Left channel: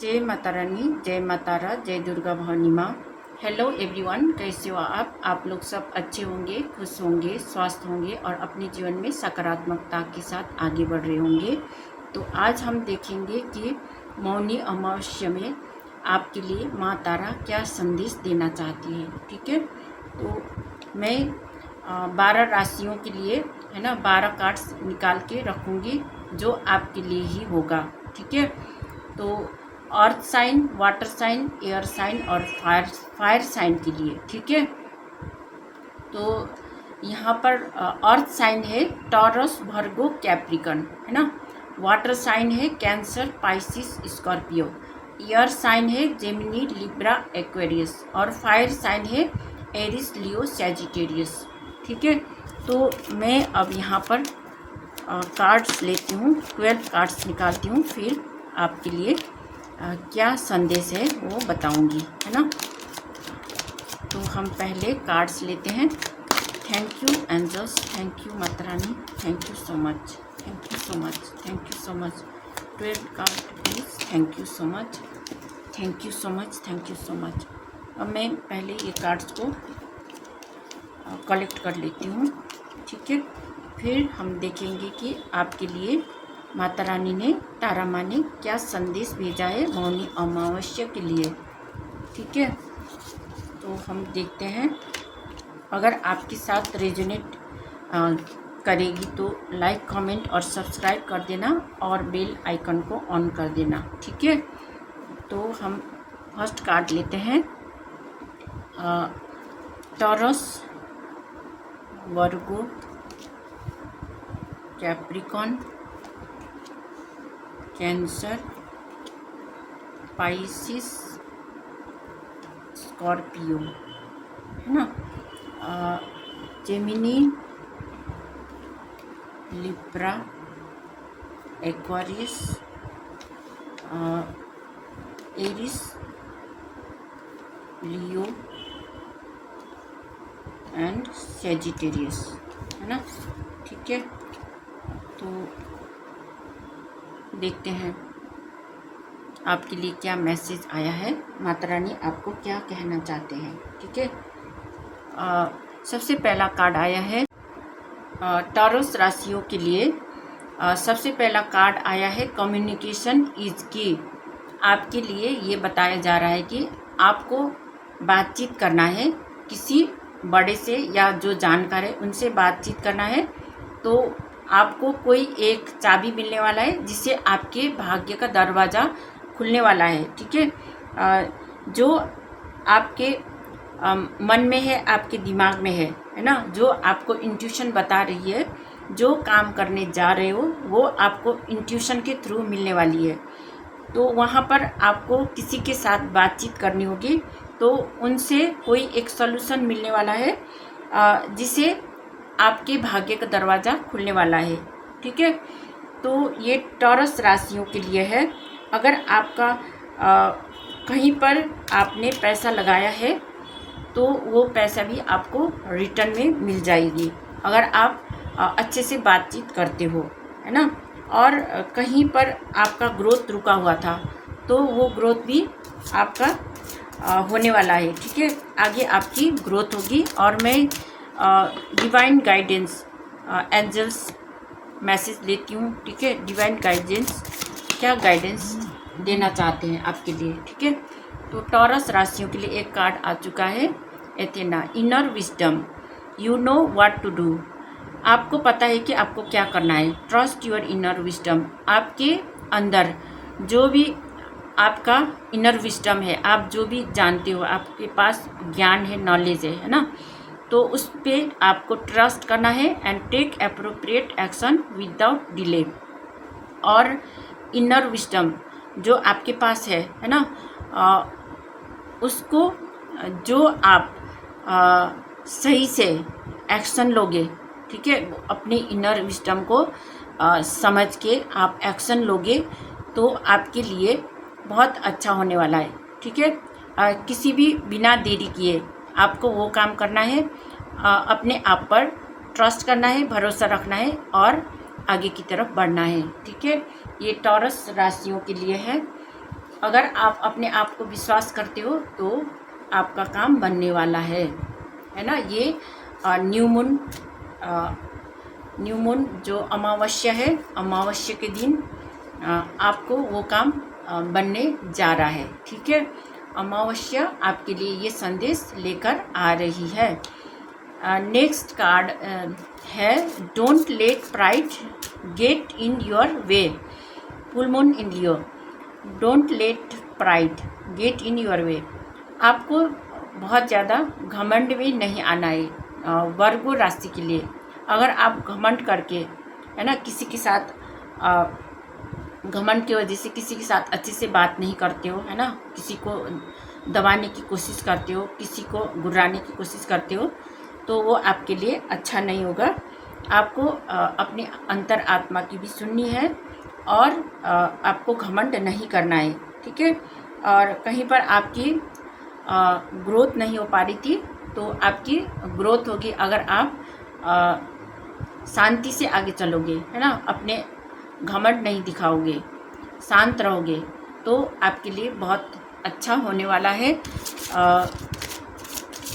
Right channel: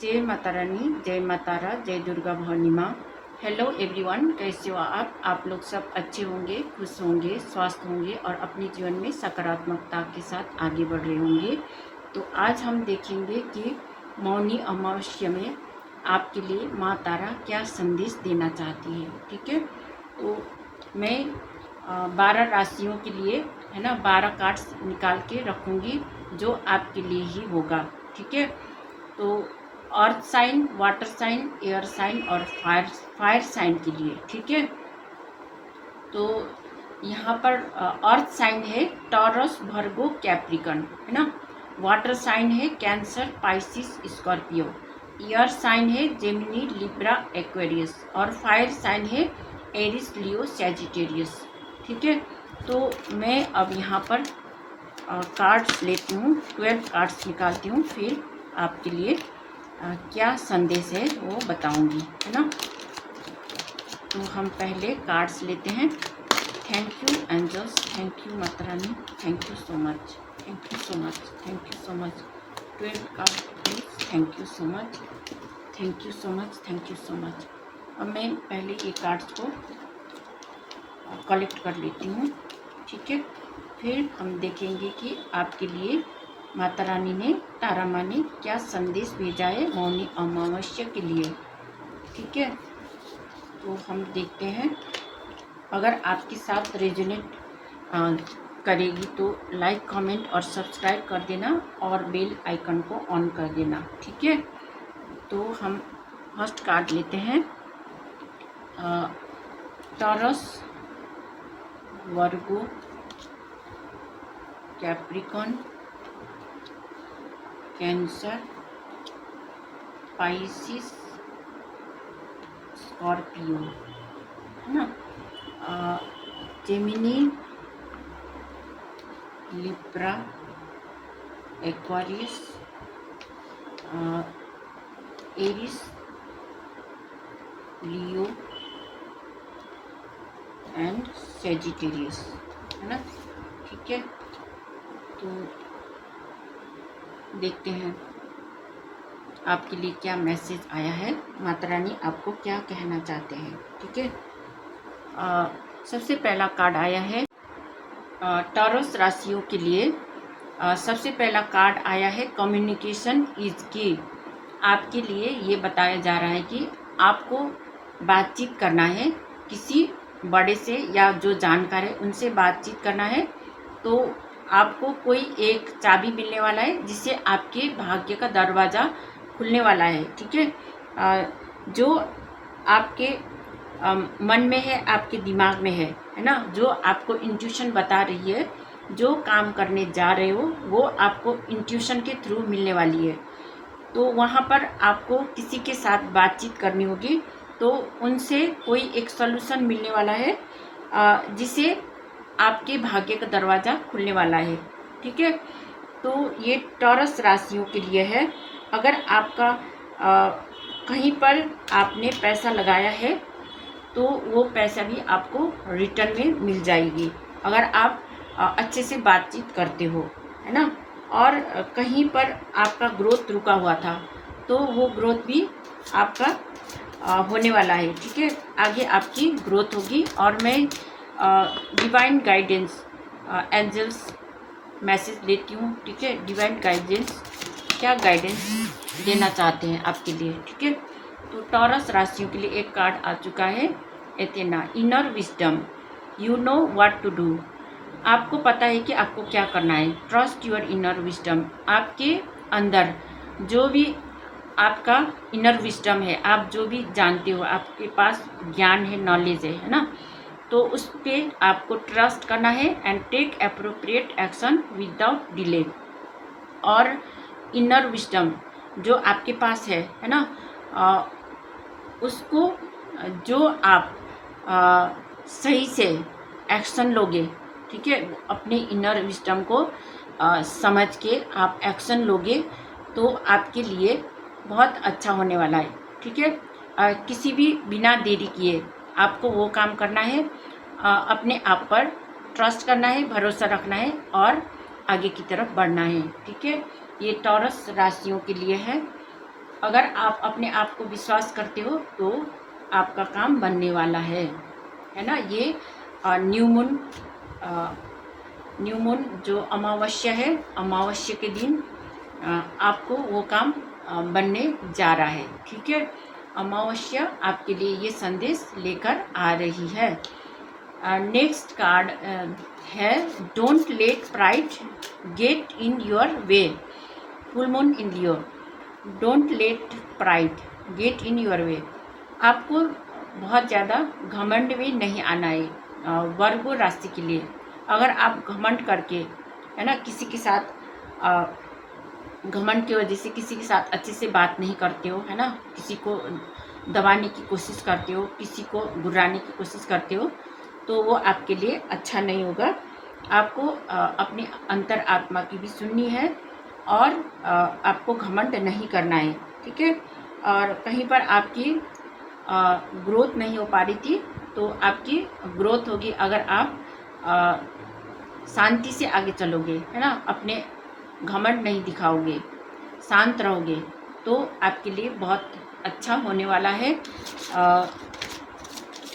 जय माता रानी, जय माता रा, जय दुर्गा भवानी माँ। हेलो एवरीवन, कैसे हो आप लोग सब अच्छे होंगे, खुश होंगे, स्वस्थ होंगे और अपने जीवन में सकारात्मकता के साथ आगे बढ़ रहे होंगे। तो आज हम देखेंगे कि मौनी अमावस्या में आपके लिए माँ तारा क्या संदेश देना चाहती है। ठीक है, तो मैं 12 राशियों के लिए है ना 12 कार्ड्स निकाल के रखूँगी जो आपके लिए ही होगा। ठीक है, तो earth sign, water sign, air sign और फायर साइन के लिए। ठीक है, तो यहाँ पर अर्थ साइन है टॉरस, वर्गो, कैप्रिकन, है ना। वाटर साइन है Cancer, Pisces, Scorpio. Air sign है जेमिनी, लिब्रा, एक्वेरियस और फायर साइन है एरिस, लियो, सैजिटेरियस। ठीक है, तो मैं अब यहाँ पर कार्ड्स लेती हूँ, 12 कार्ड्स निकालती हूँ, फिर आपके लिए क्या संदेश है वो बताऊंगी, है ना। तो हम पहले कार्ड्स लेते हैं। Thank you angels, thank you माता रानी, thank you so much, thank you so much, thank you so much. 12 card please, thank you so much, thank you so much, thank you so much. अब मैं पहले ये cards को collect कर लेती हूँ। ठीक है, फिर हम देखेंगे कि आपके लिए माता रानी ने, तारा माँ ने क्या संदेश भेजा है मौनी अमावस्या के लिए। ठीक है, तो हम देखते हैं। अगर आपके साथ रेजोनेट करेगी तो लाइक, कमेंट और सब्सक्राइब कर देना और बेल आइकन को ऑन कर देना। ठीक है, तो हम फर्स्ट कार्ड लेते हैं। Taurus, Virgo, Capricorn, Cancer, Pisces, Scorpio, है ना। Gemini, Libra, Aquarius, Aries, Leo and Sagittarius, है ना। ठीक है, तो देखते हैं आपके लिए क्या मैसेज आया है, माता रानी आपको क्या कहना चाहते हैं। ठीक है, सबसे पहला कार्ड आया है टॉरस राशियों के लिए। सबसे पहला कार्ड आया है कम्युनिकेशन इज की। आपके लिए ये बताया जा रहा है कि आपको बातचीत करना है किसी बड़े से या जो जानकार है उनसे बातचीत करना है। तो आपको कोई एक चाबी मिलने वाला है जिससे आपके भाग्य का दरवाज़ा खुलने वाला है। ठीक है, जो आपके मन में है, आपके दिमाग में है ना, जो आपको इंट्यूशन बता रही है, जो काम करने जा रहे हो वो आपको इंट्यूशन के थ्रू मिलने वाली है। तो वहाँ पर आपको किसी के साथ बातचीत करनी होगी, तो उनसे कोई एक सॉल्यूशन मिलने वाला है जिसे आपके भाग्य का दरवाज़ा खुलने वाला है। ठीक है, तो ये टॉरस राशियों के लिए है। अगर आपका कहीं पर आपने पैसा लगाया है तो वो पैसा भी आपको रिटर्न में मिल जाएगी अगर आप अच्छे से बातचीत करते हो, है ना। और कहीं पर आपका ग्रोथ रुका हुआ था तो वो ग्रोथ भी आपका होने वाला है। ठीक है, आगे आपकी ग्रोथ होगी। और मैं डिवाइन गाइडेंस, एंजल्स मैसेज लेती हूँ। ठीक है, डिवाइन गाइडेंस क्या गाइडेंस देना चाहते हैं आपके लिए। ठीक है, तो टॉरस राशियों के लिए एक कार्ड आ चुका है, Athena, inner wisdom, you know what to do. आपको पता है कि आपको क्या करना है। Trust your inner wisdom. आपके अंदर जो भी आपका इनर विजडम है, आप जो भी जानते हो, आपके पास ज्ञान है, नॉलेज है ना, तो उस पर आपको ट्रस्ट करना है and take appropriate action without delay. और इनर विजडम जो आपके पास है ना, उसको जो आप सही से एक्शन लोगे, ठीक है, अपने इनर विजडम को समझ के आप एक्शन लोगे तो आपके लिए बहुत अच्छा होने वाला है। ठीक है, किसी भी बिना देरी किए आपको वो काम करना है, अपने आप पर ट्रस्ट करना है, भरोसा रखना है और आगे की तरफ बढ़ना है। ठीक है, ये टॉरस राशियों के लिए है। अगर आप अपने आप को विश्वास करते हो तो आपका काम बनने वाला है ना। ये न्यू मून जो अमावस्या है, अमावस्या के दिन आपको वो काम बनने जा रहा है, ठीक है। अमावस्या आपके लिए ये संदेश लेकर आ रही है। नेक्स्ट कार्ड है don't let pride get in your way. Full moon in Leo, don't let pride get in your way. आपको बहुत ज़्यादा घमंड में नहीं आना है वर्गो राशि के लिए। अगर आप घमंड करके है ना किसी के साथ घमंड की वजह से किसी के साथ अच्छे से बात नहीं करते हो, है ना, किसी को दबाने की कोशिश करते हो, किसी को गुर्राने की कोशिश करते हो, तो वो आपके लिए अच्छा नहीं होगा। आपको अपनी अंतर आत्मा की भी सुननी है और आपको घमंड नहीं करना है, ठीक है। और कहीं पर आपकी ग्रोथ नहीं हो पा रही थी तो आपकी ग्रोथ होगी अगर आप शांति से आगे चलोगे, है ना, अपने घमंड नहीं दिखाओगे, शांत रहोगे, तो आपके लिए बहुत अच्छा होने वाला है।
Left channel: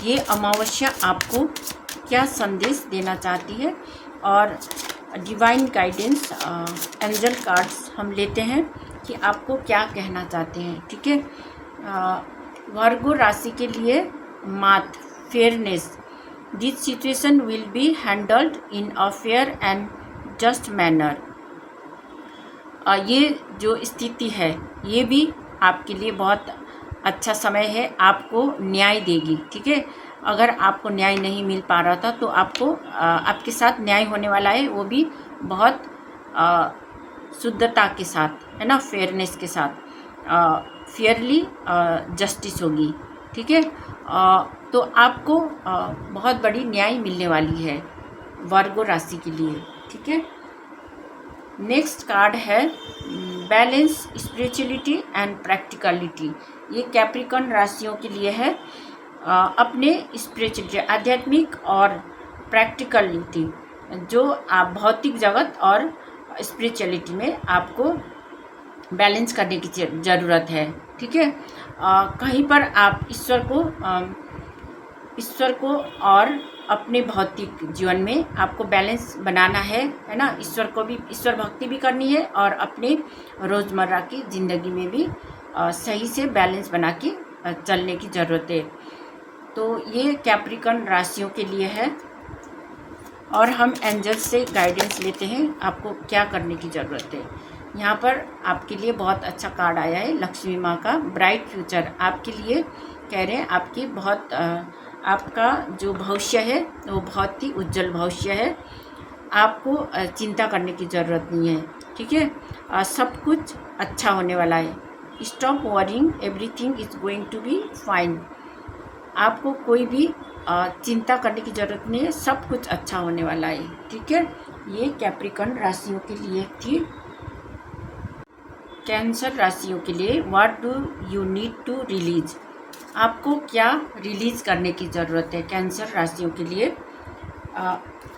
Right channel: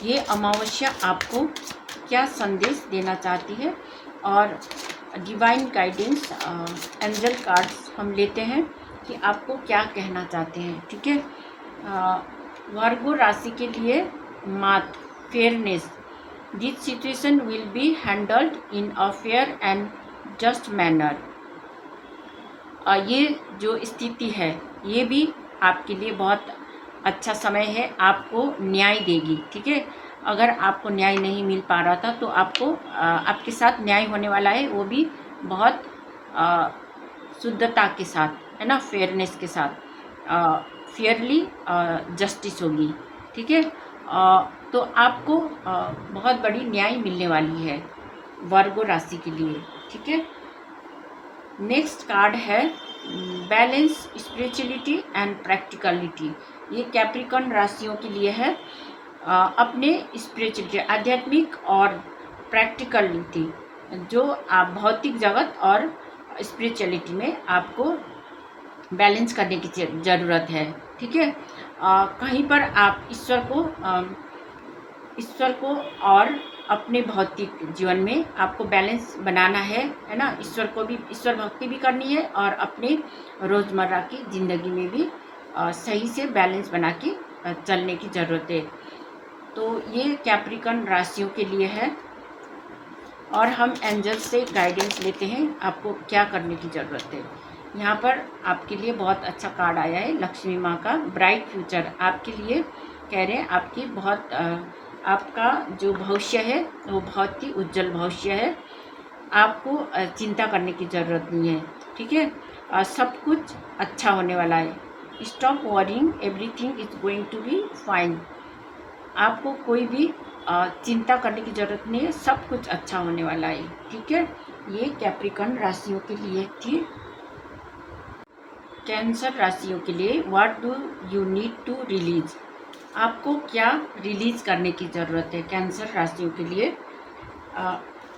ये अमावस्या आपको क्या संदेश देना चाहती है और डिवाइन गाइडेंस एंजल कार्ड्स हम लेते हैं कि आपको क्या कहना चाहते हैं, ठीक है। वर्गो राशि के लिए मात fairness, this situation will be handled in a fair and just manner. ये जो स्थिति है ये भी आपके लिए बहुत अच्छा समय है, आपको न्याय देगी, ठीक है। अगर आपको न्याय नहीं मिल पा रहा था तो आपको आपके साथ न्याय होने वाला है, वो भी बहुत शुद्धता के साथ, है ना, फेयरनेस के साथ, फेयरली जस्टिस होगी, ठीक है। तो आपको बहुत बड़ी न्याय मिलने वाली है वर्गो राशि के लिए, ठीक है। नेक्स्ट कार्ड है बैलेंस स्पिरिचुअलिटी एंड प्रैक्टिकलिटी। ये कैप्रिकॉर्न राशियों के लिए है। अपने स्पिरिचुअलिटी, आध्यात्मिक और प्रैक्टिकलिटी, जो आप भौतिक जगत और स्पिरिचुअलिटी में आपको बैलेंस करने की ज़रूरत है, ठीक है। कहीं पर आप ईश्वर को और अपने भौतिक जीवन में आपको बैलेंस बनाना है ना। ईश्वर भक्ति भी करनी है और अपने रोज़मर्रा की ज़िंदगी में भी सही से बैलेंस बना के चलने की ज़रूरत है। तो ये कैप्रिकॉर्न राशियों के लिए है और हम एंजल से गाइडेंस लेते हैं आपको क्या करने की ज़रूरत है। यहाँ पर आपके लिए बहुत अच्छा कार्ड आया है, लक्ष्मी माँ का ब्राइट फ्यूचर आपके लिए कह रहे हैं। आपका जो भविष्य है वो बहुत ही उज्जवल भविष्य है, आपको चिंता करने की ज़रूरत नहीं है, ठीक है। सब कुछ अच्छा होने वाला है। Stop worrying, everything is going to be fine. आपको कोई भी चिंता करने की ज़रूरत नहीं है, सब कुछ अच्छा होने वाला है, ठीक है। ये कैप्रिकॉर्न राशियों के लिए थी। कैंसर राशियों के लिए what do you need to release, आपको क्या रिलीज़ करने की ज़रूरत है कैंसर राशियों के लिए।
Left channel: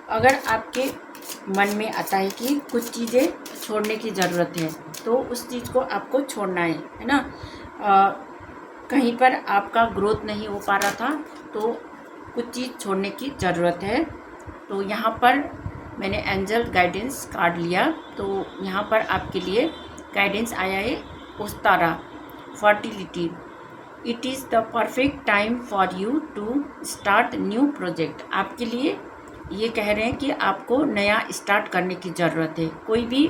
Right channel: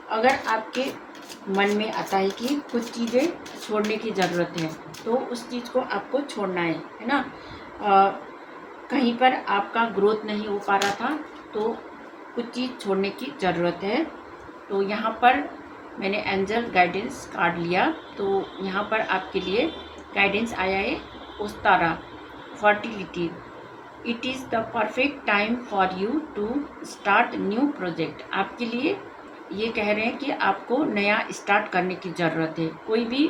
अगर आपके मन में आता है कि कुछ चीज़ें छोड़ने की ज़रूरत है तो उस चीज़ को आपको छोड़ना है ना। कहीं पर आपका ग्रोथ नहीं हो पा रहा था तो कुछ चीज़ छोड़ने की ज़रूरत है। तो यहाँ पर मैंने एंजल गाइडेंस कार्ड लिया, तो यहाँ पर आपके लिए गाइडेंस आया है उस्तारा fertility. It is the perfect time for you to start new project. आपके लिए ये कह रहे हैं कि आपको नया स्टार्ट करने की ज़रूरत है। कोई भी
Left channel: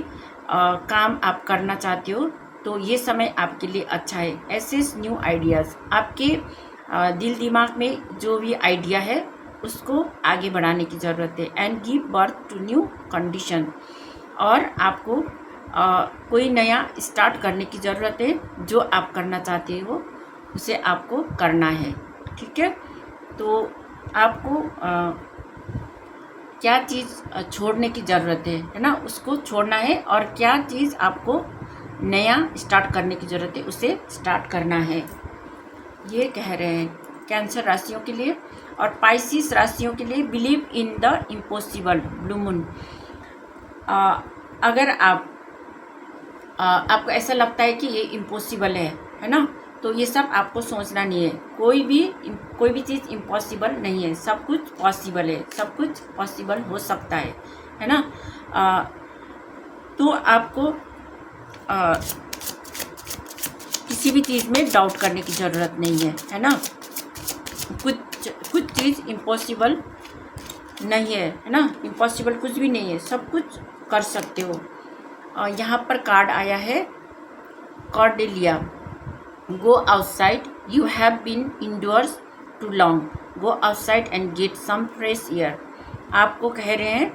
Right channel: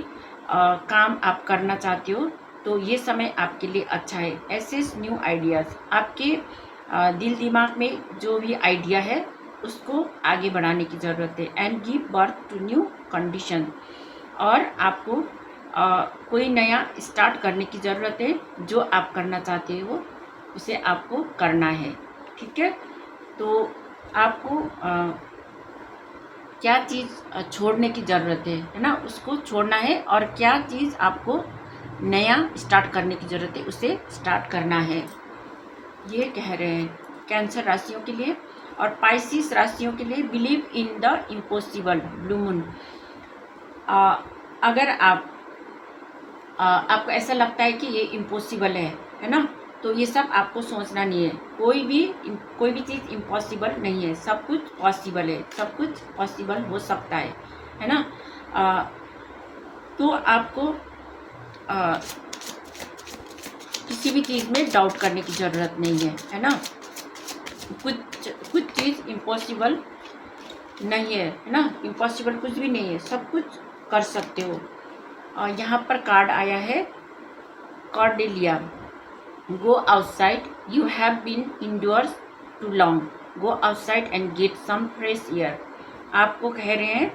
काम आप करना चाहते हो तो ये समय आपके लिए अच्छा है। एसेस न्यू आइडियाज़, आपके दिल दिमाग में जो भी आइडिया है उसको आगे बढ़ाने की ज़रूरत है। And give birth to new condition, और आपको कोई नया स्टार्ट करने की ज़रूरत है। जो आप करना चाहते हो उसे आपको करना है, ठीक है। तो आपको क्या चीज़ छोड़ने की ज़रूरत है ना, उसको छोड़ना है, और क्या चीज़ आपको नया स्टार्ट करने की ज़रूरत है उसे स्टार्ट करना है, ये कह रहे हैं कैंसर राशियों के लिए। और पाइसिस राशियों के लिए believe in the impossible, blue moon. अगर आपको ऐसा लगता है कि ये इम्पॉसिबल है है ना। तो ये सब आपको सोचना नहीं है, कोई भी चीज़ इम्पॉसिबल नहीं है, सब कुछ पॉसिबल है, सब कुछ पॉसिबल हो सकता है ना। तो आपको किसी भी चीज़ में डाउट करने की ज़रूरत नहीं है ना। कुछ चीज़ इम्पॉसिबल नहीं है ना, इम्पॉसिबल कुछ भी नहीं है, सब कुछ कर सकते हो। यहाँ पर कार्ड आया है Cordelia, go outside, you have been indoors too long, go outside and get some fresh air. आपको कह रहे हैं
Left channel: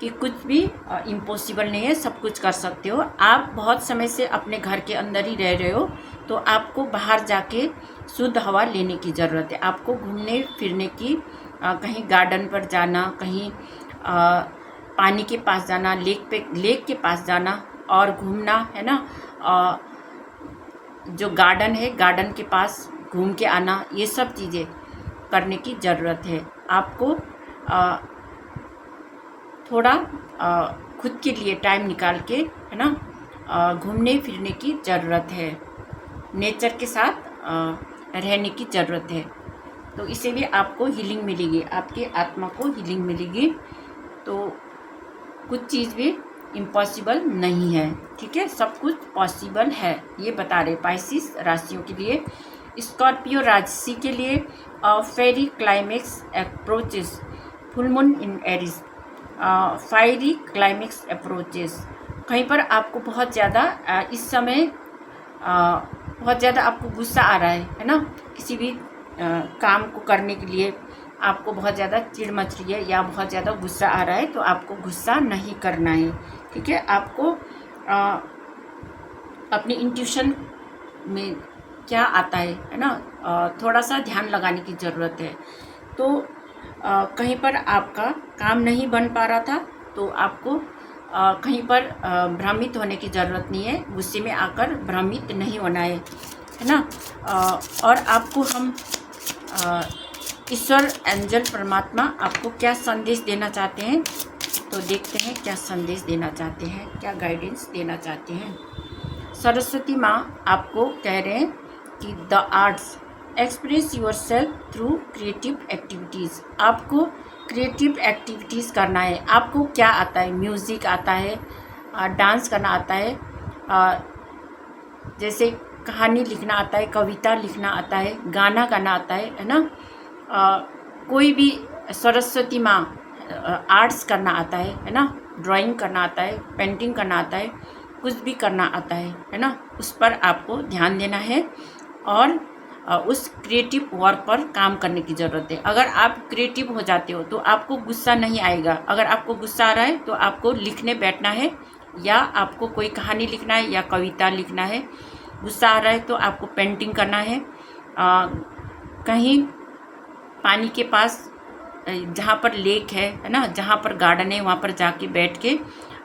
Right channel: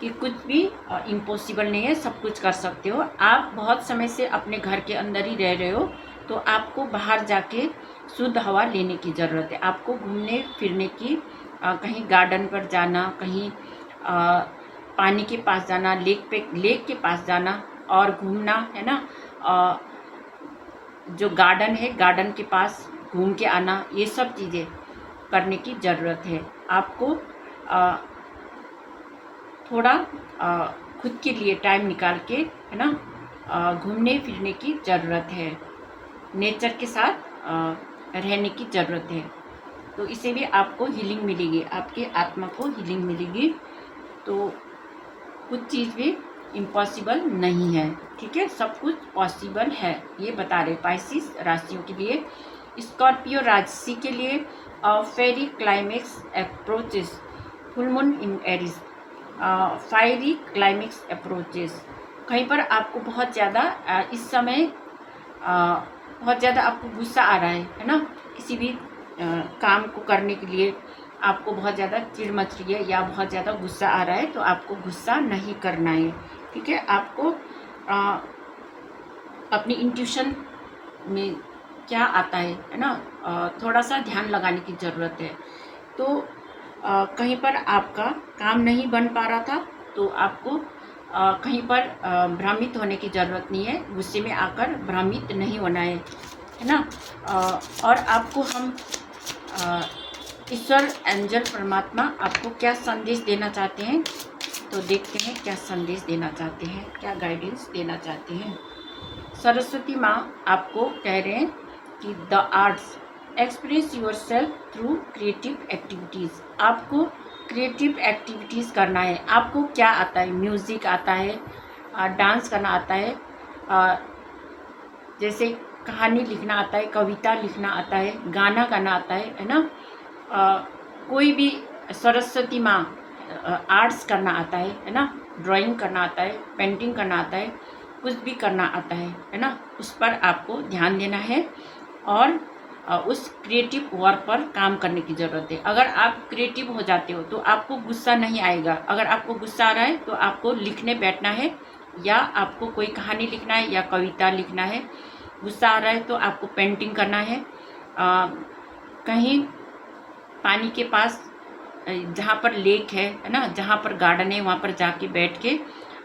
कि कुछ भी इम्पॉसिबल नहीं है, सब कुछ कर सकते हो। आप बहुत समय से अपने घर के अंदर ही रह रहे हो, तो आपको बाहर जाके शुद्ध हवा लेने की ज़रूरत है। आपको घूमने फिरने की, कहीं गार्डन पर जाना, कहीं पानी के पास जाना, लेक के पास जाना और घूमना, है ना। जो गार्डन है, गार्डन के पास घूम के आना, ये सब चीज़ें करने की ज़रूरत है। आपको थोड़ा खुद के लिए टाइम निकाल के, है ना, घूमने फिरने की ज़रूरत है, नेचर के साथ रहने की ज़रूरत है। तो इससे भी आपको हीलिंग मिलेगी, आपके आत्मा को हीलिंग मिलेगी। तो कुछ चीज़ भी इम्पॉसिबल नहीं है, ठीक है, सब कुछ पॉसिबल है, ये बता रहे पाइसिस राशियों के लिए। स्कॉर्पियो राशि के लिए fiery climax approaches, full moon in Aries, fiery climax approaches. कहीं पर आपको बहुत ज़्यादा इस समय बहुत ज़्यादा आपको गुस्सा आ रहा है ना। किसी भी काम को करने के लिए आपको बहुत ज़्यादा चिढ़ मच रही है या बहुत ज़्यादा गुस्सा आ रहा है, तो आपको गुस्सा नहीं करना है, ठीक है। आपको अपनी इंट्यूशन में क्या आता है ना, थोड़ा सा ध्यान लगाने की ज़रूरत है। तो कहीं पर आपका काम नहीं बन पा रहा था, तो आपको कहीं पर भ्रमित होने की ज़रूरत नहीं है, गुस्से में आकर भ्रमित नहीं होना है ना। और आपको हम ईश्वर, एंजल, परमात्मा आपको क्या संदेश देना चाहते हैं, तो देखते हैं क्या संदेश देना चाहते हैं, क्या गाइडेंस देना चाहते हैं। सरस्वती माँ आपको कह रहे हैं कि the arts, express yourself through creative activities. आपको क्रिएटिव एक्टिविटीज़ करना है। आपको क्या आता है, म्यूज़िक आता है, डांस करना आता है, जैसे कहानी लिखना आता है, कविता लिखना आता है, गाना गाना आता है ना। कोई भी सरस्वती माँ आर्ट्स करना आता है ना, ड्राइंग करना आता है, पेंटिंग करना आता है, कुछ भी करना आता है ना, उस पर आपको ध्यान देना है और उस क्रिएटिव वर्क पर काम करने की ज़रूरत है। अगर आप क्रिएटिव हो जाते हो तो आपको गुस्सा नहीं आएगा। अगर आपको गुस्सा आ रहा है तो आपको लिखने बैठना है, या आपको कोई कहानी लिखना है या कविता लिखना है। गुस्सा आ रहा है तो आपको पेंटिंग करना है, कहीं पानी के पास जहाँ पर लेक है ना, जहाँ पर गार्डन है, वहाँ पर जाके बैठ के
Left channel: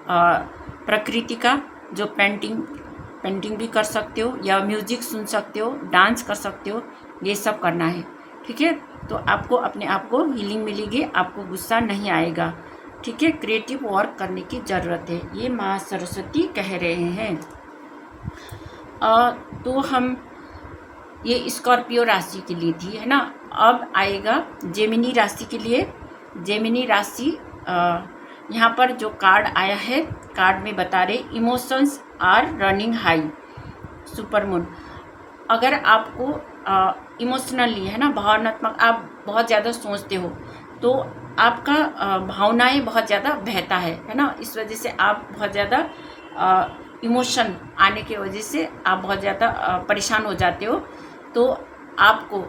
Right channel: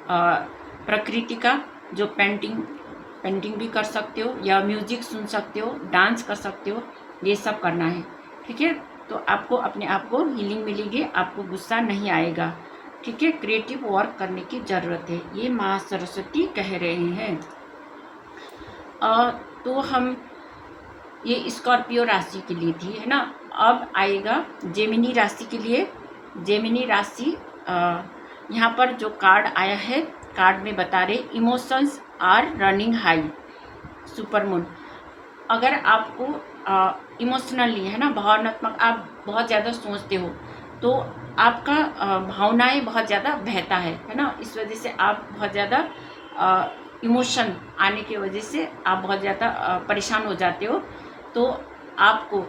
प्रकृति का जो पेंटिंग भी कर सकते हो, या म्यूज़िक सुन सकते हो, डांस कर सकते हो, ये सब करना है, ठीक है। तो आपको अपने आप को हीलिंग मिलेगी, आपको गुस्सा नहीं आएगा, ठीक है। क्रिएटिव वर्क करने की ज़रूरत है, ये माँ सरस्वती कह रहे हैं। तो हम ये स्कॉर्पियो राशि के लिए थी, है ना। अब आएगा जेमिनी राशि के लिए। जेमिनी राशि यहाँ पर जो कार्ड आया है, कार्ड में बता रहे emotions are running high, super moon. अगर आपको इमोशनली, है ना, भावनात्मक, आप बहुत ज़्यादा सोचते हो तो आपका भावनाएं बहुत ज़्यादा बहता है ना। इस वजह से आप बहुत ज़्यादा इमोशन आने की वजह से आप बहुत ज़्यादा परेशान हो जाते हो। तो आपको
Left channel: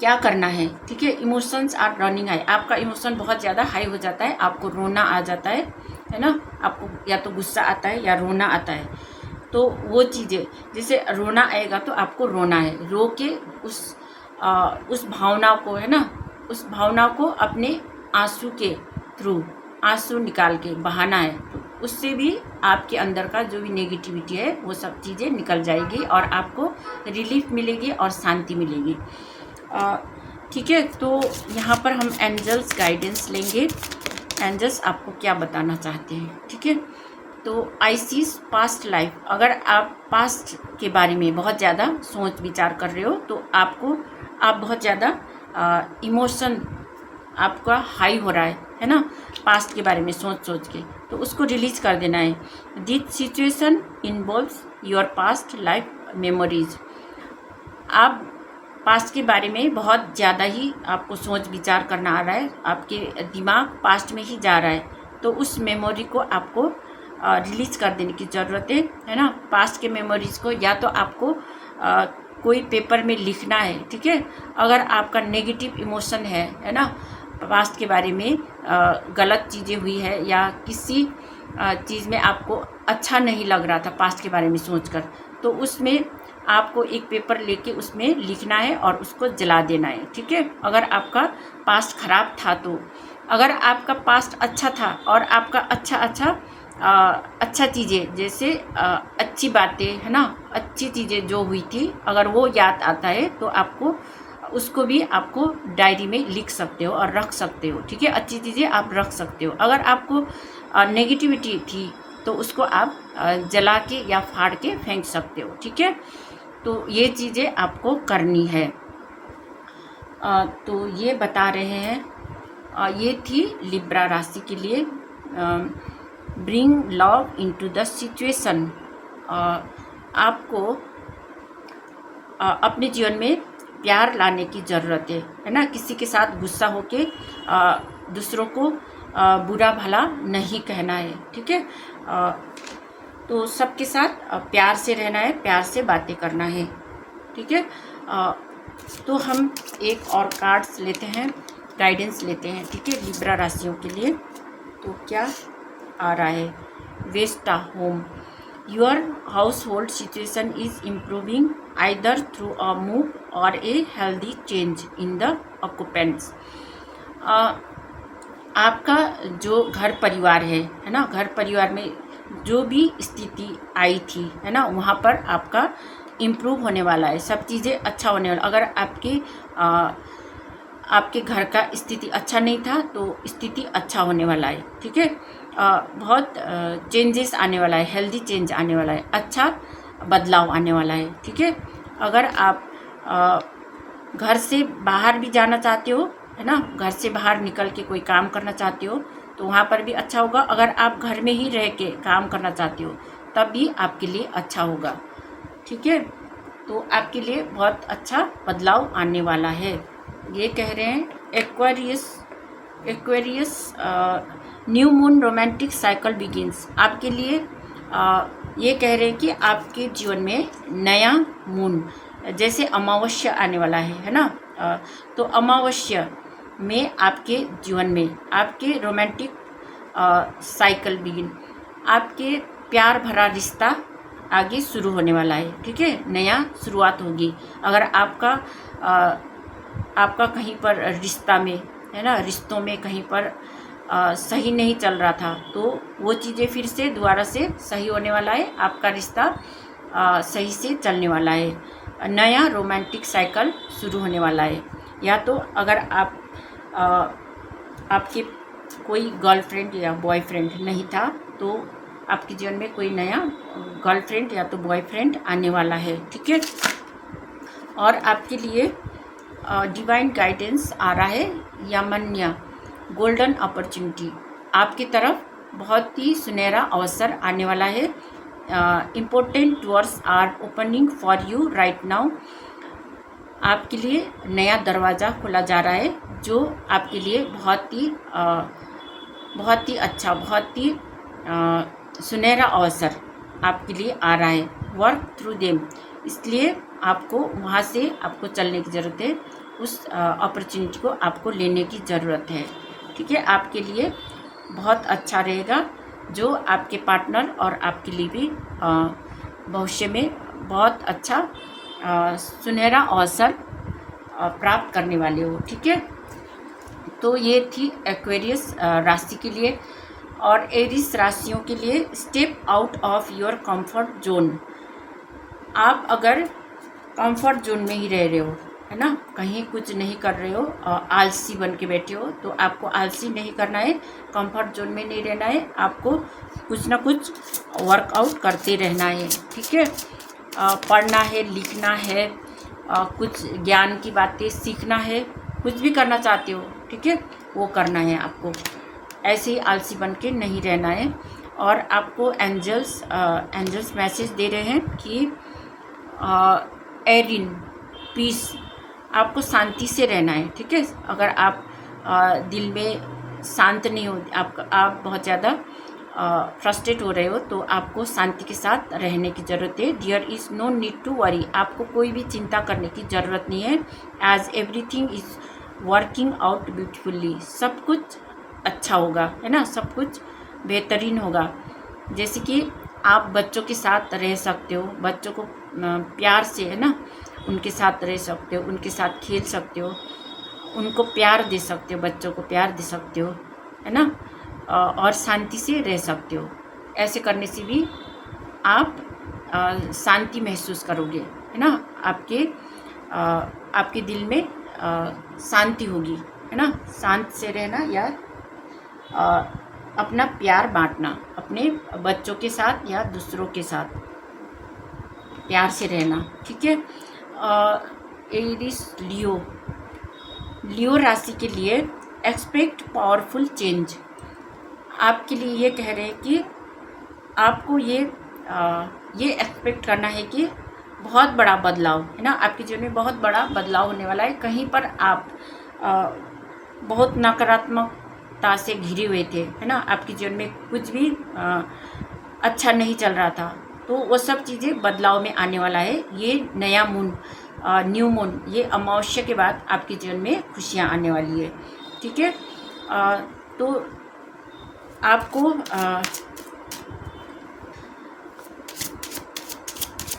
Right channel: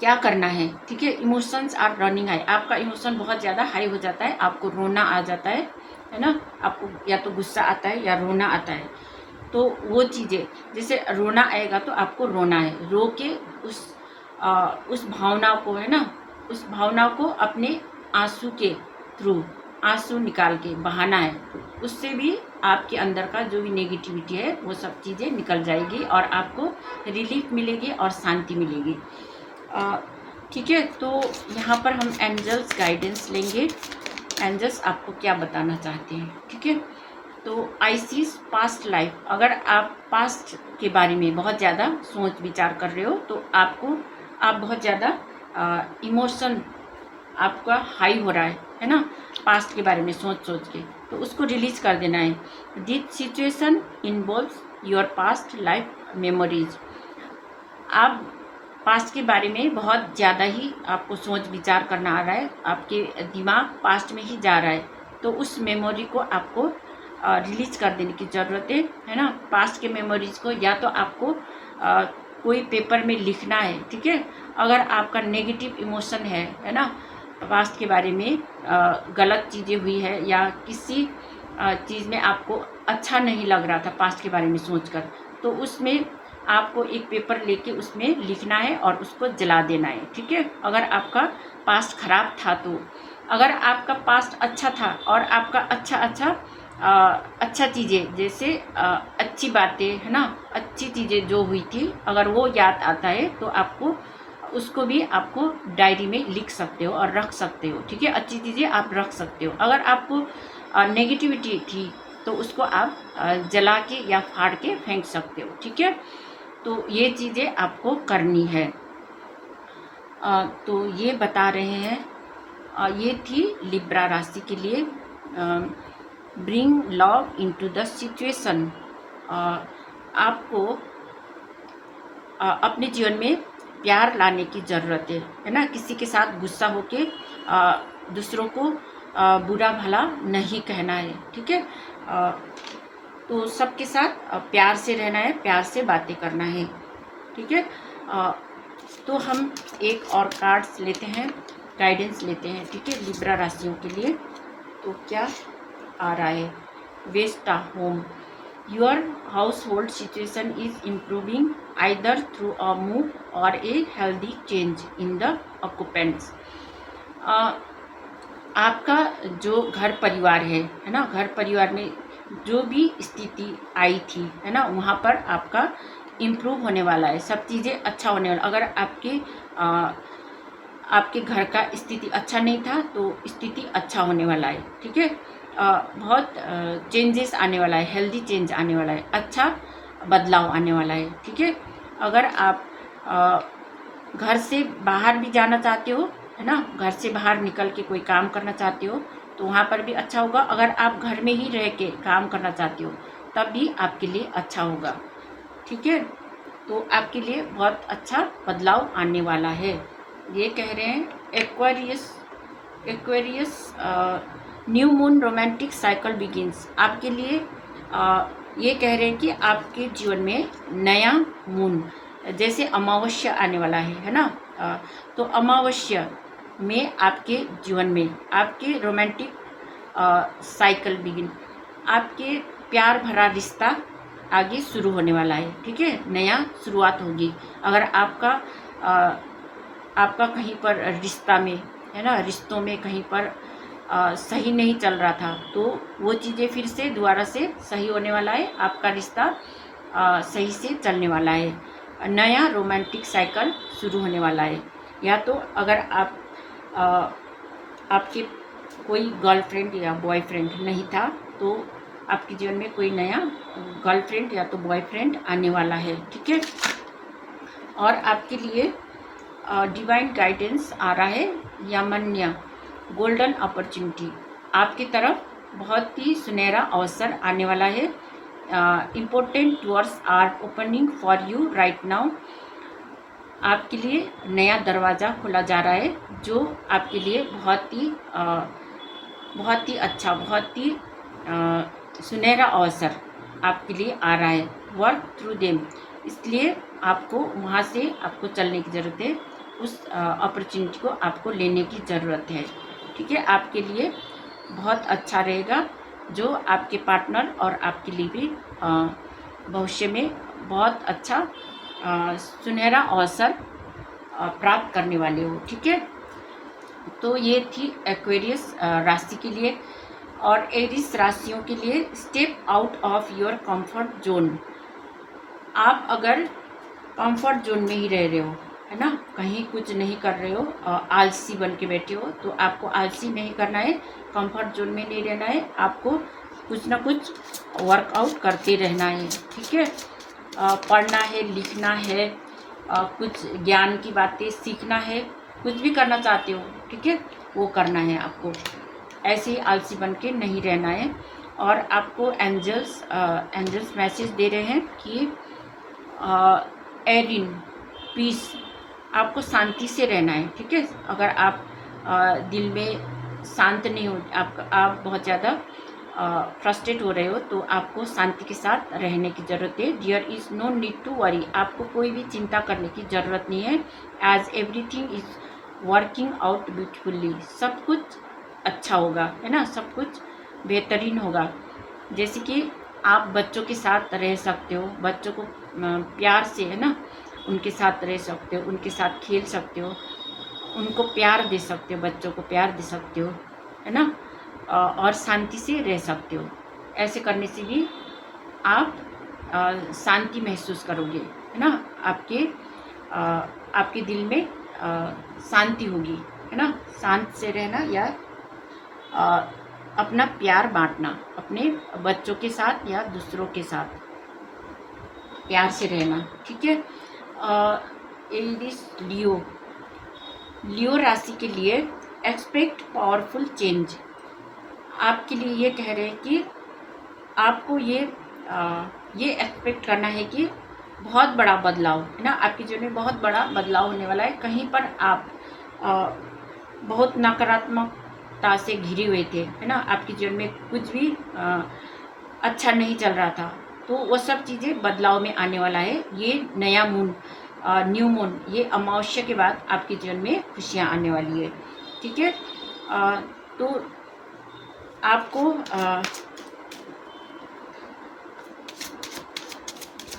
क्या करना है, ठीक है। इमोशंस आर रनिंग हाई, आपका इमोशन बहुत ज़्यादा हाई हो जाता है, आपको रोना आ जाता है ना। आपको या तो गुस्सा आता है या रोना आता है। तो वो चीज़ें, जैसे रोना आएगा तो आपको रोना है, रो के उस भावना को, है ना, उस भावना को अपने आंसू के थ्रू, आंसू निकाल के बहाना है। तो उससे भी आपके अंदर का जो भी नेगेटिविटी है वो सब चीज़ें निकल जाएगी और आपको रिलीफ मिलेगी और शांति मिलेगी, ठीक है। तो यहाँ पर हम एंजल्स गाइडेंस लेंगे, एंजल्स आपको क्या बताना चाहते हैं, ठीक है। तो आई सीज पास्ट लाइफ, अगर आप पास्ट के बारे में बहुत ज़्यादा सोच विचार कर रहे हो तो आप बहुत ज़्यादा इमोशन आपका हाई हो रहा है ना, पास्ट के बारे में सोच सोच के, तो उसको रिलीज़ कर देना है। This situation involves your past life memories, आप पास्ट के बारे में बहुत ज़्यादा ही आपको सोच विचार करना आ रहा है, आपके दिमाग पास्ट में ही जा रहा है, तो उस मेमोरी को आपको रिलीज कर देने की ज़रूरत है ना। पास्ट के मेमोरीज़ को या तो आपको कोई पेपर में लिखना है, ठीक है। अगर आपका नेगेटिव इमोशन है ना, पास्ट के बारे में गलत चीज़ें हुई है या किसी चीज़ में आपको अच्छा नहीं लग रहा था पास्ट के बारे में सोचकर, तो उसमें आपको एक पेपर लेके उसमें लिखना है और उसको जला देना है, ठीक है। अगर आपका पास्ट खराब था तो, अगर आपका पास्ट अच्छा था और आपका अच्छा चीज़ें जैसे अच्छी बातें है ना, अच्छी चीज़ें जो हुई थी, अगर वो याद आता है तो आपको उसको भी आपको डायरी में लिख सकते हो और रख सकते हो, ठीक है। अच्छी चीज़ें आप रख सकते हो। अगर आपको नेगेटिविटी थी तो उसको आप जला के या फाड़ के फेंक सकते हो, ठीक है। तो ये चीज़ें आपको करनी है। तो ये बता रहे हैं, ये थी लिब्रा राशि के लिए। Bring love into the situation, आपको अपने जीवन में प्यार लाने की ज़रूरत है ना। किसी के साथ गुस्सा होके दूसरों को बुरा भला नहीं कहना है, ठीक है। तो सबके साथ प्यार से रहना है, प्यार से बातें करना है, ठीक है। तो हम एक और कार्ड्स लेते हैं, गाइडेंस लेते हैं, ठीक है, लिब्रा राशियों के लिए। तो क्या आ रहा है? Vesta home, your household situation is improving either through a move or a healthy change in the occupants. आपका जो घर परिवार है ना, घर परिवार में जो भी स्थिति आई थी है ना, वहाँ पर आपका इम्प्रूव होने वाला है, सब चीज़ें अच्छा होने वाला। अगर आपके घर का स्थिति अच्छा नहीं था तो स्थिति अच्छा होने वाला है, ठीक है। बहुत चेंजेस आने वाला है, हेल्दी चेंज आने वाला है, अच्छा बदलाव आने वाला है, ठीक है। अगर आप घर से बाहर भी जाना चाहते हो है ना, घर से बाहर निकल के कोई काम करना चाहते हो तो वहाँ पर भी अच्छा होगा। अगर आप घर में ही रह के काम करना चाहते हो तब भी आपके लिए अच्छा होगा, ठीक है। तो आपके लिए बहुत अच्छा बदलाव आने वाला है। ये कह रहे हैं Aquarius new moon romantic cycle begins, आपके लिए ये कह रहे हैं कि आपके जीवन में नया मून जैसे अमावस्या आने वाला है ना। तो अमावस्या में आपके जीवन में आपके रोमांटिक साइकिल बिगिन, आपके प्यार भरा रिश्ता आगे शुरू होने वाला है, ठीक है। नया शुरुआत होगी। अगर आपका कहीं पर रिश्ता में है ना, रिश्तों में कहीं पर सही नहीं चल रहा था तो वो चीज़ें फिर से दोबारा से सही होने वाला है, आपका रिश्ता सही से चलने वाला है, नया रोमांटिक साइकिल शुरू होने वाला है। या तो अगर आपके कोई गर्लफ्रेंड या बॉयफ्रेंड नहीं था तो आपके जीवन में कोई नया गर्लफ्रेंड या तो बॉयफ्रेंड आने वाला है, ठीक है। और आपके लिए डिवाइन गाइडेंस आ रहा है, यामन्या गोल्डन अपॉर्चुनिटी, आपकी तरफ बहुत ही सुनहरा अवसर आने वाला है। Important doors are opening for you right now, आपके लिए नया दरवाज़ा खोला जा रहा है जो आपके लिए बहुत ही अच्छा, बहुत ही सुनहरा अवसर आपके लिए आ रहा है। वर्क थ्रू देम, इसलिए आपको वहाँ से आपको चलने की ज़रूरत है, उस अपॉर्चुनिटी को आपको लेने की ज़रूरत है, ठीक है। आपके लिए बहुत अच्छा रहेगा, जो आपके पार्टनर और आपके लिए भी भविष्य में बहुत अच्छा सुनहरा अवसर प्राप्त करने वाले हो, ठीक है। तो ये थी एक्वेरियस राशि के लिए। और एरिस राशियों के लिए step out of your comfort zone, आप अगर कंफर्ट जोन में ही रह रहे हो है ना, कहीं कुछ नहीं कर रहे हो, आलसी बन के बैठे हो, तो आपको आलसी नहीं करना है, कंफर्ट जोन में नहीं रहना है, आपको कुछ ना कुछ वर्कआउट करते रहना है। ठीक है, पढ़ना है, लिखना है, कुछ ज्ञान की बातें सीखना है, कुछ भी करना चाहते हो, ठीक है, वो करना है आपको। ऐसे ही आलसी बन के नहीं रहना है। और आपको एंजल्स मैसेज दे रहे हैं कि एरिन पीस, आपको शांति से रहना है। ठीक है, अगर आप दिल में शांत नहीं हो, आप बहुत ज़्यादा फ्रस्ट्रेट हो रहे हो, तो आपको शांति के साथ रहने की ज़रूरत है। There is no need to worry, आपको कोई भी चिंता करने की ज़रूरत नहीं है। As everything is working out beautifully, सब कुछ अच्छा होगा, है ना, सब कुछ बेहतरीन होगा। जैसे कि आप बच्चों के साथ रह सकते हो, बच्चों को प्यार से, है ना, उनके साथ रह सकते हो, उनके साथ खेल सकते हो, उनको प्यार दे सकते हो, बच्चों को प्यार दे सकते हो, है ना, और शांति से रह सकते हो। ऐसे करने से भी आप शांति महसूस करोगे, है ना, आपके दिल में शांति होगी, है ना। शांत से रहना या अपना प्यार बांटना, अपने बच्चों के साथ या दूसरों के साथ प्यार से रहना। ठीक है, एरिस लियो राशि के लिए एक्सपेक्ट पावरफुल चेंज, आपके लिए ये कह रहे हैं कि आपको ये एक्सपेक्ट करना है कि बहुत बड़ा बदलाव, है ना, आपके जीवन में बहुत बड़ा बदलाव होने वाला है। कहीं पर आप बहुत नकारात्मकता से घिरे हुए थे, है ना, आपके जीवन में कुछ भी अच्छा नहीं चल रहा था, तो वो सब चीज़ें बदलाव में आने वाला है। ये नया मून, न्यू मून, ये अमावस्या के बाद आपके जीवन में खुशियाँ आने वाली है। ठीक है, तो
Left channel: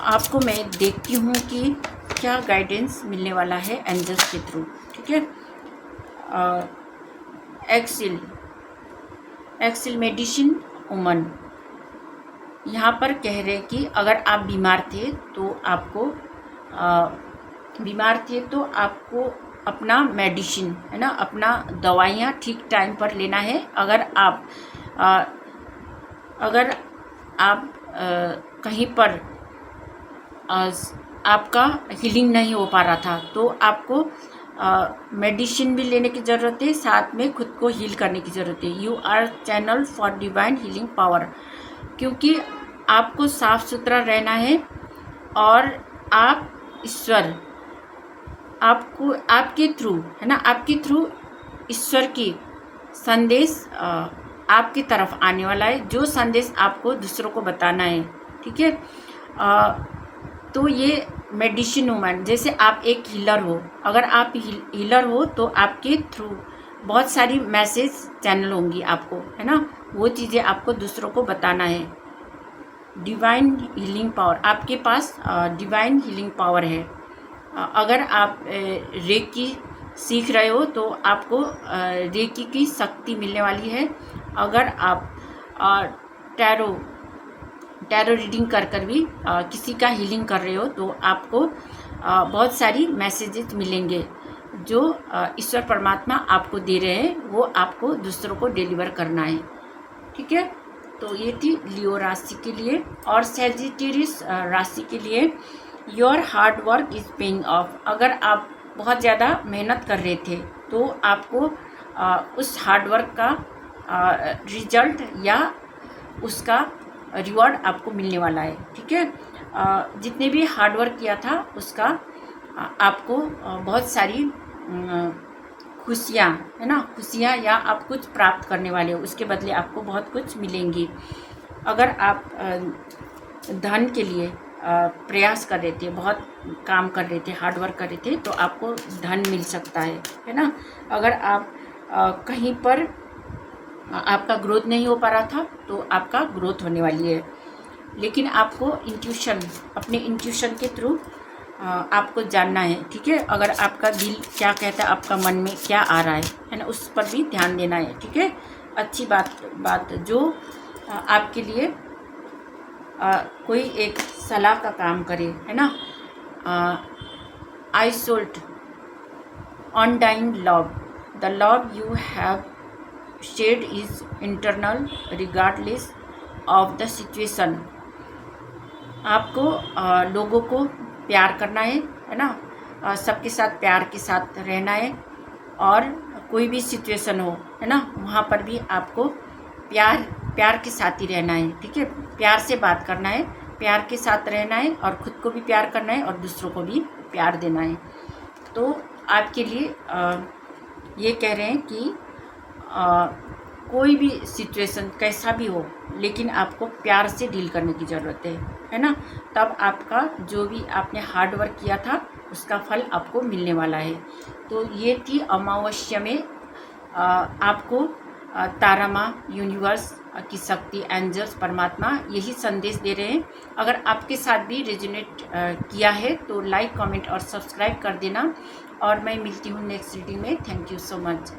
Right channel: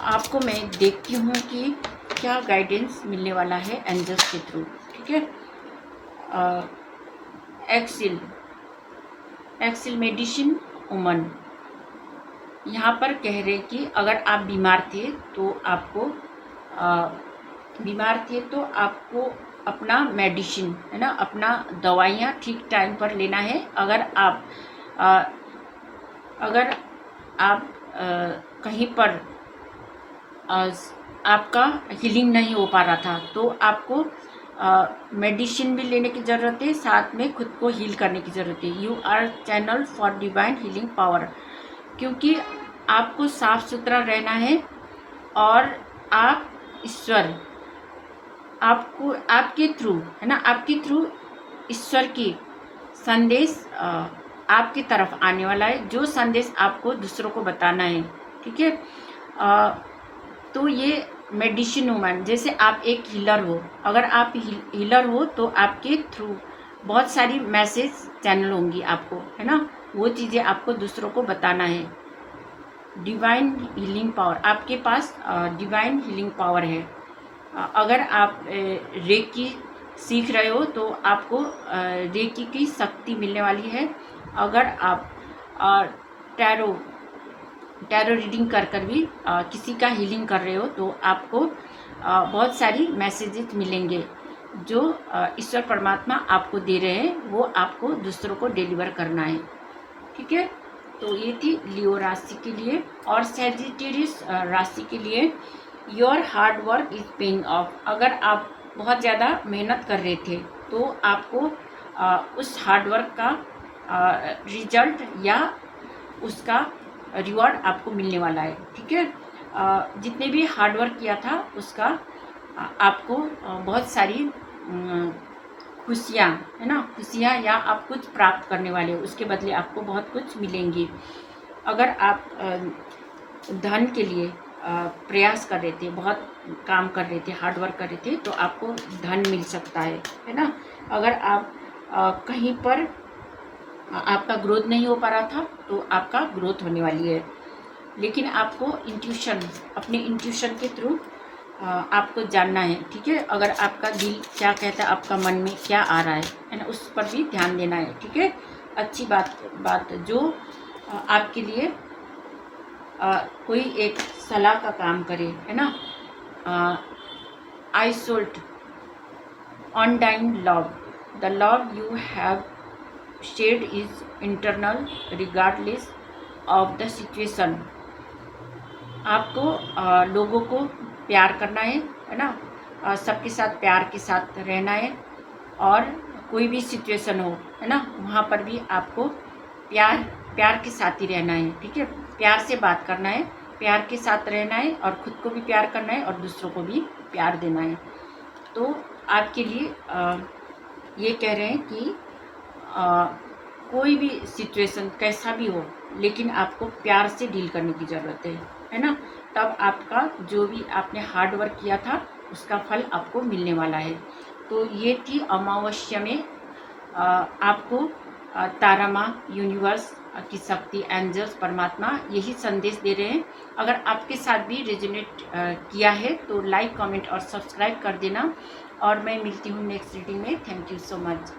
आपको मैं देखती हूँ कि क्या गाइडेंस मिलने वाला है एंजल्स के थ्रू। ठीक है, एक्सिल मेडिसिन वुमन, यहाँ पर कह रहे हैं कि अगर आप बीमार थे तो आपको अपना मेडिसिन, है ना, अपना दवाइयाँ ठीक टाइम पर लेना है। अगर आप कहीं पर आपका हीलिंग नहीं हो पा रहा था, तो आपको मेडिसिन भी लेने की ज़रूरत है, साथ में खुद को हील करने की ज़रूरत है। You our channel for divine healing power, क्योंकि आपको साफ सुथरा रहना है और आप ईश्वर, आपको आपके थ्रू, है ना, आपके थ्रू ईश्वर की संदेश आपकी तरफ आने वाला है, जो संदेश आपको दूसरों को बताना है। ठीक है, तो ये मेडिसिन वूमन, जैसे आप एक हीलर हो, अगर आप हीलर हो तो आपके थ्रू बहुत सारी मैसेज चैनल होंगी आपको, है ना, वो चीज़ें आपको दूसरों को बताना है। डिवाइन हीलिंग पावर, आपके पास डिवाइन हीलिंग पावर है। अगर आप रेकी सीख रहे हो तो आपको रेकी की शक्ति मिलने वाली है। अगर आप टैरो रीडिंग कर भी किसी का हीलिंग कर रहे हो, तो आपको बहुत सारी मैसेजेस मिलेंगे जो ईश्वर परमात्मा आपको दे रहे हैं, वो आपको दूसरों को डिलीवर करना है। ठीक है, तो ये थी लियो राशि के लिए। और सैजिटेरियस राशि के लिए, your hard work is paying off, अगर आप बहुत ज़्यादा मेहनत कर रहे थे तो आपको उस हार्ड वर्क का रिजल्ट या उसका रिवॉर्ड आपको मिलने वाला है। ठीक है, जितने भी हार्ड वर्क किया था उसका आपको बहुत सारी खुशियाँ, है ना, खुशियाँ या आप कुछ प्राप्त करने वाले हो, उसके बदले आपको बहुत कुछ मिलेंगी। अगर आप धन के लिए प्रयास कर रहे थे, बहुत काम कर रहे थे, हार्ड वर्क कर रहे थे, तो आपको धन मिल सकता है ना। अगर आप कहीं पर आपका ग्रोथ नहीं हो पा रहा था तो आपका ग्रोथ होने वाली है। लेकिन आपको अपने इंट्यूशन के थ्रू आपको जानना है। ठीक है, अगर आपका दिल क्या कहता है, आपका मन में क्या आ रहा है ना, उस पर भी ध्यान देना है। ठीक है, अच्छी बात जो आपके लिए कोई एक सलाह का काम करे, है ना। आइसोल्ट undying love. The love you have shared is internal regardless of the situation. आपको लोगों को प्यार करना है ना, सबके साथ प्यार के साथ रहना है, और कोई भी सिचुएशन हो, है ना, वहाँ पर भी आपको प्यार के साथ ही रहना है, ठीक है। प्यार से बात करना है, प्यार के साथ रहना है, और ख़ुद को भी प्यार करना है और दूसरों को भी प्यार देना है। तो आपके लिए ये कह रहे हैं कि कोई भी सिचुएशन कैसा भी हो, लेकिन आपको प्यार से डील करने की ज़रूरत है ना। तब आपका जो भी आपने हार्ड वर्क किया था उसका फल आपको मिलने वाला है। तो ये थी अमावस्या में आपको तारा माँ, यूनिवर्स की शक्ति, एंजल्स, परमात्मा यही संदेश दे रहे हैं। अगर आपके साथ भी रेजोनेट किया है तो लाइक, कमेंट और सब्सक्राइब कर देना, और मैं मिलती हूँ नेक्स्ट रीडिंग में। Thank you so much.